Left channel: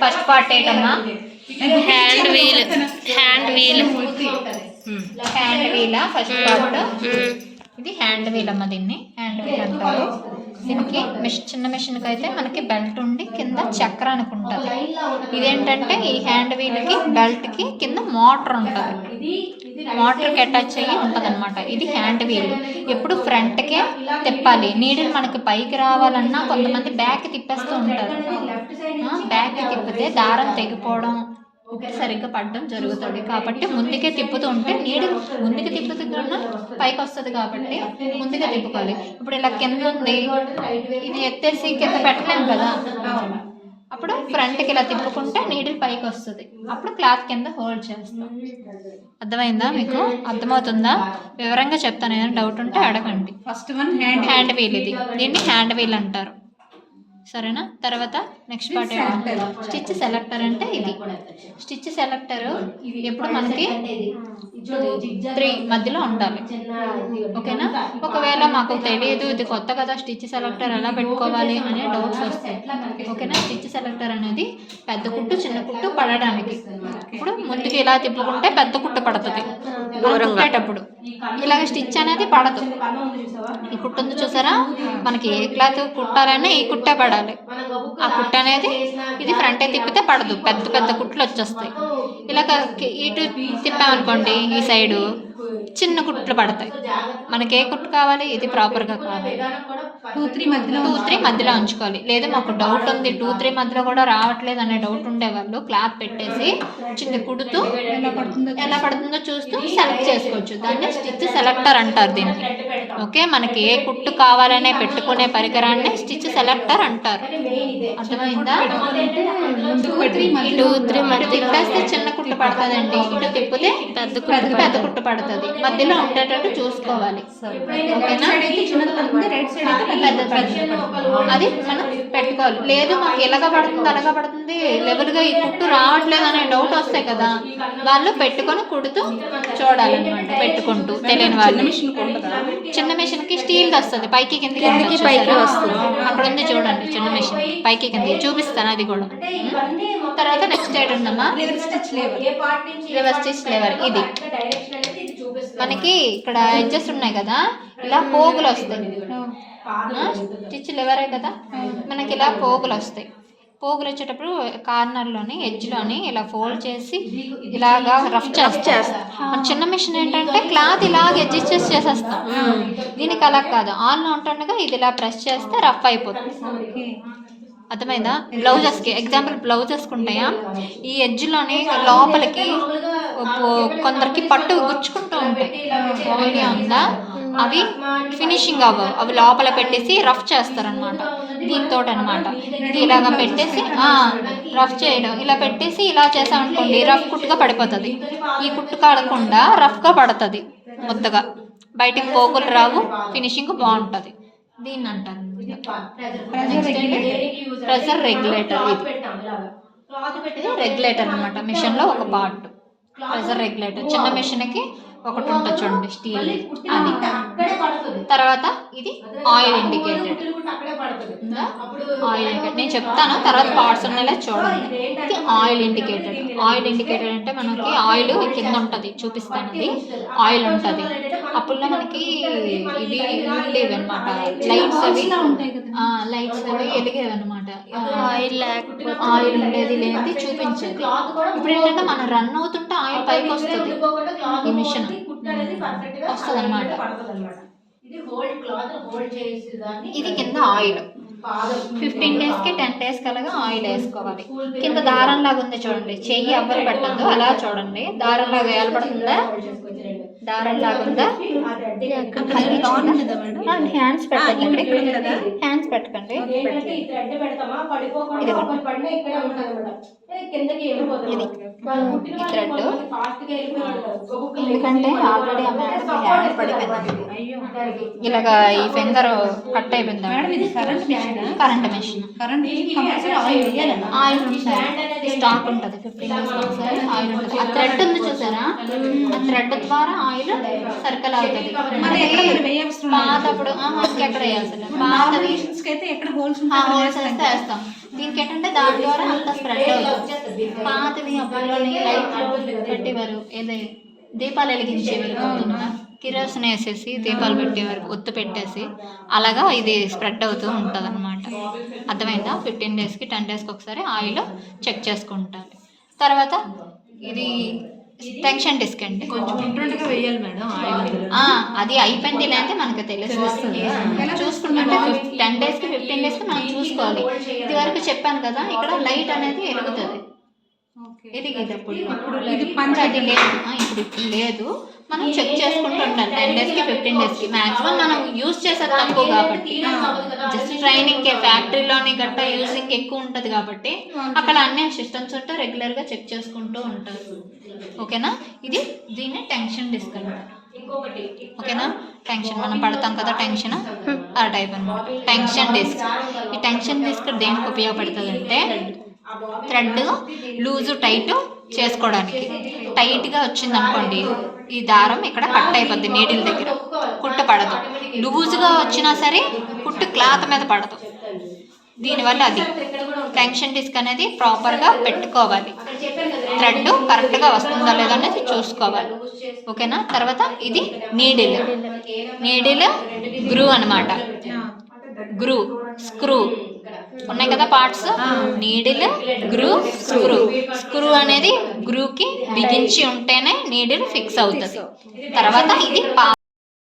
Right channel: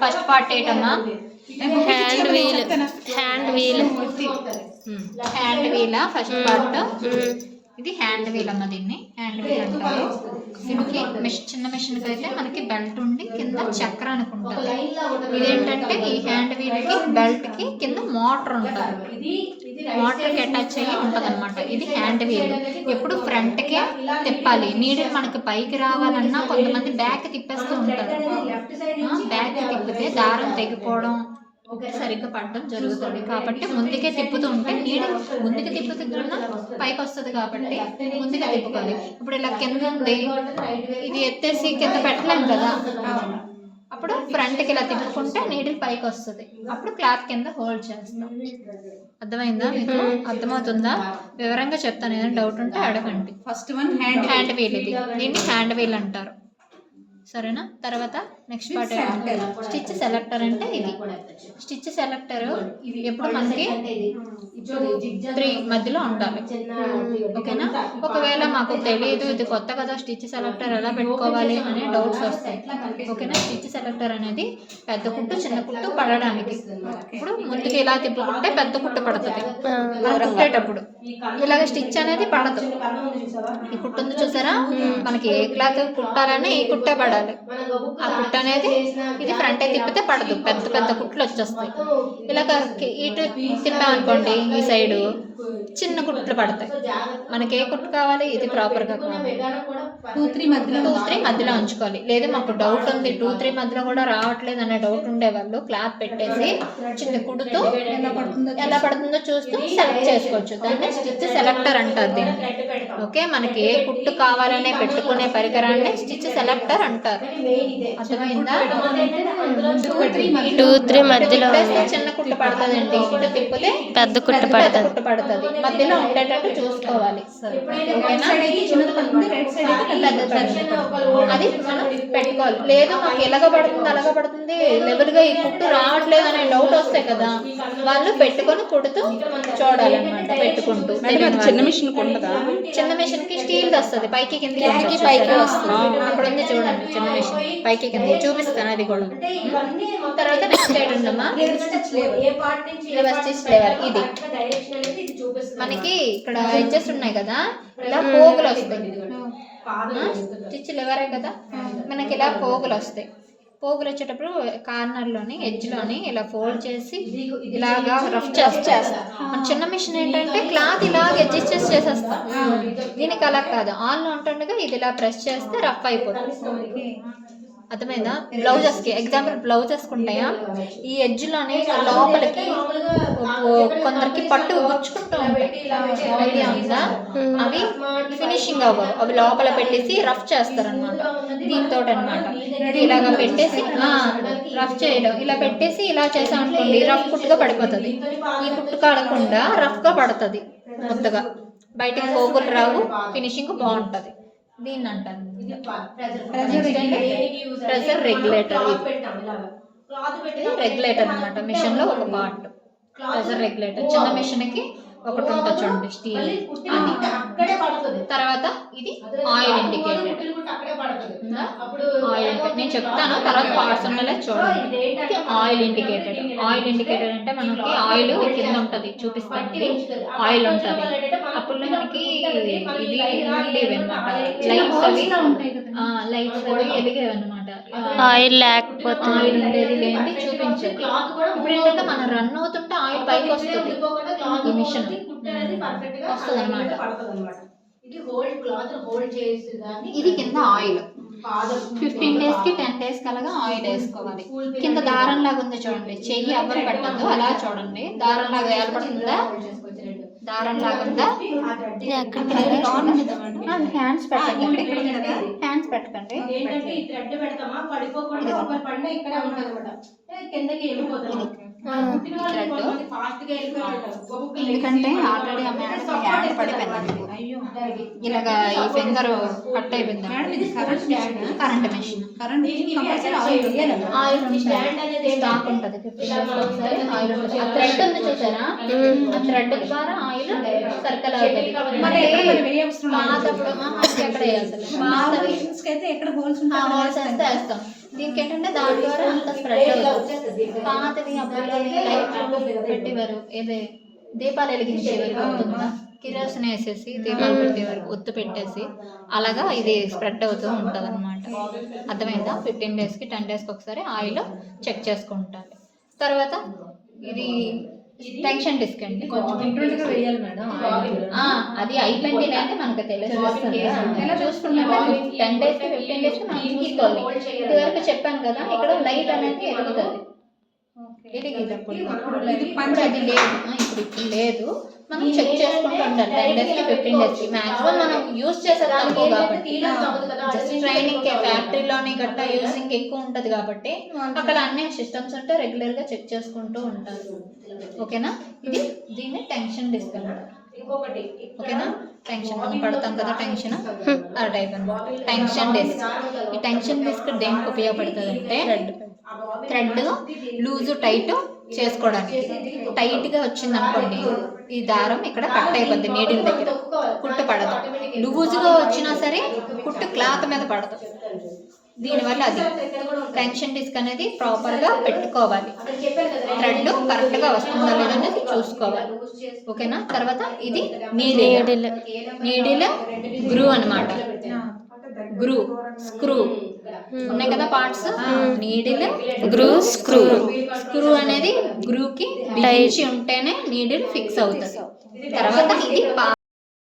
First part ఏంటన్నా hand wheel hand wheel hand వీలా first part ఇది hand wheel అమ్మ దీన్ని హ్యాండ్ వీల్ అంటారు? దీనికి మిషన్ చిన్న మిషన్కి అయితే మనకి బెల్ట్ ఉండి కింద లా ఉంటుంది. ఇదేంటంటే ఈ హ్యాండ్ వీల్కి బెల్ట్కి కింద మోటార్ ఉంటుంది. మోటార్కి అటాచ్ అయ్యి ఉంటుంది అనమాట ఇది హ్యాండ్ వీల్. ఎప్పుడు ఫ్రంట్కే తిప్పాలి. నీడిల్ మనకి పైకి రావాలన్నా కొంతమంది బ్యాక్ తిప్పేస్తూ ఉంటారు. బ్యాక్ తిప్పితే దారం తెగిపోవడం సరిగ్గా పడడం జరుగుతుంది. కాబట్టి ముందుకే తిప్పుతూ ఉంటే నీడు ముందుకు తిప్పుతున్నా పైకి వస్తుంది కాబట్టి ముందుగా తిప్పుకోవాలి. ఇప్పుడు ఇలా కింద ఉంది. ఇది ఎత్తేసి కింద పెట్టలేం కదా? అప్పుడు ఫ్రంట్కి ఇలా తిప్పుకుంటే నీడిల్ పైకి వస్తుంది. అప్పుడు క్లాత్ కింద హోల్డ్ చేస్తాం. అర్థమైందా మీకు? అర్థమవుతుందా? వివరంగా చెప్తాను. ఏదైనా డౌట్ ఉంటే అడగండి. First one hand hand wheel ఇది. దీన్ని హ్యాండ్ వీల్ అంటారు. సరేనా? తర్వాత నెక్స్ట్ పార్ట్ ఏంటంటే స్టిచ్ సెలెక్టర్ అంటే ఇది. స్టిచ్ సెలెక్టర్ ఎప్పుడు మనకి త్రీ మధ్యలో ఉండాలి. ఓకేనా? ఒకవేళ మాకు తెలియదు ఇది కొత్త కదా స్టిచ్ సెలెక్టర్ ఎలా పెట్టుకోవాలి అనే డౌట్స్ వస్తాయి. ఓకేనా? స్టిచ్ సెలెక్టర్ అనేది పెద్ద కుట్టు చిన్న కుట్టు పడడానికి. ఇప్పుడు ముందుకు ఇలా తిప్పుకుంటే పెద్ద కుట్టు పడుతుంది. కుట్టేటప్పుడు ఇలాగ స్టిచ్ అనేది పడదు. ఈ కుట్టు ఉంది చూసారా? మనకి ఏ క్లాత్ కుట్టాలన్నా ఈ కుట్టే పడాలి. ఆ కుట్ట అనేది ఇది ఫ్రంట్ తిప్పితే పడదు. పెద్ద పెద్ద కుట్లు వచ్చేస్తాయి. ఇలాగ ఇటు తిప్పామనుకోండి ఈ సైడు. చిన్న కుట్లు పడతాయి. మనకి ఏ కుట్టు కావాలి? ఇది ప్రాపర్గా కావాలి. టూ త్రీ మధ్యలో టూ త్రీ మధ్యలో ఉంచుకోవాలి. లేదు మాకు డౌట్ ఉంది. టూ త్రీ మధ్యలో కూడా రావట్లేదు అనే డౌట్ ఉండేవాళ్ళు క్లాత్ పెట్టేసి చిన్న కుడుతూ ఎలా పడుతుందో చూస్తూ సెలెక్ట్ చేసుకోవచ్చు. దాన్ని స్టిచ్ సెలెక్టర్ అంటారు దీన్ని. ఓకే మనకి ఏ కుట్టు కావాలనే పెట్టుకునే పరికరాన్ని స్టిచ్ సెలెక్టర్ అంటారు. అర్థమైందా? టూ త్రీ మధ్యలో తిప్పేస్తే చిన్న కుట్టు పడుతుందండి. ఇటు తిప్పితే పెద్ద కుట్టు పెద్ద కుట్టు పడుతుంది. మధ్యలో ఉండేటట్టు చూసుకోవాలి. ఓకేనా? చిన్నది సైడ్ అది మనం పెట్టుకోవాలి. లేదు మాకు ఎలాగ పడుతుంది అలాగ పడుతుంది లెవెల్గా ఈ కుట్టు రావట్లేదు అనే డౌట్ వస్తాయి కదా. వాళ్ళు పెట్టుకొని కుడుతూ చూడాలన్నమాట పెట్టుకుంటూ తెలియని చిన్న వాళ్ళు. మిషన్ ఉంటుందా చిన్న మిషన్కి స్టీల్ వస్తుంది. పైకి కిందకి పైకి? వస్తుంది. అక్కడ ఉంది చూడండి చిన్న మిషన్ పైకి కిందకి చూపిస్తాను అది కూడా. తర్వాత నెక్స్ట్ సైడ్ ఉందమ్మా. రివర్స్ స్టిచ్ లేవర్ ఇది. మనకి ఇక్కడ ఎడ్జెస్ ఉన్నాయి కదా ఇలా పోగులు వస్తాయి. స్టిచ్ లెవరే కదా? మనకి ఇలా పోగులు వస్తాయి. పోగులు వచ్చేటప్పుడు కార్నర్లోని ఎడ్జ్లోని ఇలా ఫోల్డ్ చేసి ఇలాగా రఫ్ చేస్తాం మన చిన్న మిషన్ ఏంటంటే క్లాత్ ఇలాగ అడ్జస్ట్ చేసేస్తాం. దీనికి అలా కాదు. ఆన్లో ఉంటుండగా ఇది ఇలా ప్రెస్ చేస్తే రఫ్ అయిపోతుంది. అర్థమైందా? బ్లౌజెస్కి ఎగ్జాంపుల్ బ్లౌజెస్కి ఉంటాయా ఈ ఎడ్జ్లోని లోపలికి కొందరికి పట్టు గుచ్చుకుంటూ ఉంటాయి. ఉందా? అవి ఫినిషింగ్ అవ్వవు. అవి లోపల పెట్టేసి రఫ్ చేస్తారనమాట. దీంతో అనమాట ఇది ఇలాగ పెట్టేసి రఫ్ చేయడం. ఇలా పెట్టేసి ఇలా చేసాం అనుకోండి రఫ్ కుట్టుగా పడిపోతుంది. ఈ కుట్టు కాడకుండా రఫ్గా పడుతుంది ముద్దగా బయటికి పోగులు రావు ఫినిషింగ్ బాగుంటుంది. దీన్ని అంటారు ప్రెషర్ రెగ్యులేటర్ రెగ్యులేటర్ అనమాట మిషన్లో ఒక పార్ట్. Pressure regulator. చిన్న మిషన్కి ఒకటి ఉంటుంది చూడండి స్టీల్ అది. తర్వాత ఇది ఆయిల్ ఇండికేటెడ్. ఆయిల్ ఇండికేటర్ నేను చెప్తాను తర్వాత పార్ట్స్ ఉన్నలా చూడండి. ఇది ఆయిల్ ఇండికేటెడ్ ఆయిల్ ఇండికేటెడ్ అంటే మనకి ఆయిల్ కింద ఉంటుంది చూపిస్తాను ఇది ఆయిల్ ఉంటుంది. అప్పుడు మనకి ఇవి ఉండేవి అనమాట లైట్స్ అవి లైట్స్ అవి వెలిగేవి అనమాట ఆయిల్ లేకపోతే ఆయిల్ ఉండేది లేనిది చూపించేది ఇప్పుడు ఏంటంటే మనం రన్ అవుతుంటే ఆయిల్ పైకి వస్తుంది. ఈ మిషన్ వస్తుంది అనమాట ఇది క్లాత్ హోల్డ్ ఇది కింద ఆయిల్ ఫిఫ్టీన్ డేస్కి టెన్ డేస్ కలగా ఆయిల్ వేసుకోవాలి. కింద దారం లాగా ఉంది చూడండి. చెయ్యి ఎవరు పెట్టద్దు అలా చూడండి. దారం లాగా ఏర్పడుతుందా? దారం లాగా ఉందా? హ్యాండ్స్ పెట్టకండి. హ్యాండ్స్ పెట్టకండి. ఏంటంటే ఎందుకంటే ఆల్రెడీ ఆ మేడం హ్యాండ్ పడిపోయింది ఇలాగా ఈ ఫెందర్ కట్ అయిపోయింది మేడం ఇది current machine current machine current compulsory oil వేయాలన్న oil stock ఉంటుంది ఫిఫ్టీన్ డేస్ ఒకసారి ఆయిల్ ఉంటుంది. ఆ థ్రెడ్ ఉంది చూసారా? ఆ థ్రెడ్ ద్వారా ఆయిల్ సర్కిల్ అవుతుంది. మరి. పాతప్పుడు ఎక్కడ పాతది కి అయితే ఎక్కడ హోల్స్ హోల్స్ వేస్తే. వేస్తాం. దీనికి ఏంటంటే దాని ద్వారా అంత స్ప్రెడ్ అవుతుంది. పాతది పెట్టేవారు. ఏదే? దీపాలు వెలిగించేవారు కిరోసిన్ వేసేసి దీపాలు పెట్టేవారు ఒత్తు పెట్టేసి. అలాగా ఇది స్ప్రెడ్ అవుతూ ఉంటుంది అనమాట అర్థమైందా? ఫిఫ్టీన్ డేస్కి టెన్ డేస్కి ఒకసారి ఆయిల్ చెక్ చేసుకుంటారు. తర్వాత ఇది టెన్షన్ డిస్క్ అండి. కొంచెం వేయాలి మేడం అది అయిపోయింది అంటే మనకు తెలుస్తుంది. చూసుకుంటే టెన్ డేస్కి ఫిఫ్టీన్ డేస్కి మనం చూసుకోవాలి. ఇది వరకు చెప్పాను కదా ఇక్కడ లైట్ అనేది ఎరిగేటప్పుడు ఇది ఇప్పుడు అది లేదు. ఇప్పుడు ఇప్పుడు లేదు. మనం చెక్ చేసుకుంటూ ఉండాలి టెన్ డేస్కి ఫిఫ్టీన్ డేస్కి మాక్సిమం మనం యూజ్ చేసేది తక్కువ కాబట్టి. జస్ట్ ట్రైనింగ్ ఫ్యాక్టరీలోని గట్టా యూజింగ్ ఎక్కువ ఉంటుంది కాబట్టి అక్కడ అన్ని సిస్టమ్స్ ఉంటే రెగ్యులర్గా చెక్ చేసుకుంటూ ఉంటారు. ఓకేనా ఇది దీన్ని టెన్షన్ డిస్క్ అంటారు ఇంకొకటి ఓకేనా? టెన్షన్ మనం పడతాం కదా టెన్షన్ ఆ టైప్ అనమాట టెన్షన్ డిస్క్ ఈ టెన్షన్ డిస్క్ దేనికి ఉపయోగపడుతుంది అంటే థ్రెడ్ లూజు టైట్ చేసుకోవడానికి. టైట్గా వచ్చింది అనుకోండి ఈ దారం ఇక్కడ కట్ అయిపోద్ది నీడిల్ దగ్గర. కుట్టు పడదు. లూజుగా వచ్చినా సరే కుట్టు క్లాత్ మీద పడదు. దీనివల్ల అది టెన్షన్ డిస్క్ అనేది ప్రాపర్గా పెట్టుకోవాలి. థ్రెడ్ కరెక్ట్గా వస్తుందా లేదా అనేది చూసుకోవాలి. ఓకేనా? తర్వాత ఇది నీడిల్. నీడిల్ గ్రూ అన్నమాట. Groove screw. ఉన్నాయి కదా parts? Needle groove screw. Screw అనేది గ్రూకి బిగించి ఉంటేనే నీడిల్ ఫిక్స్ అవుతుంది. తర్వాత ఇది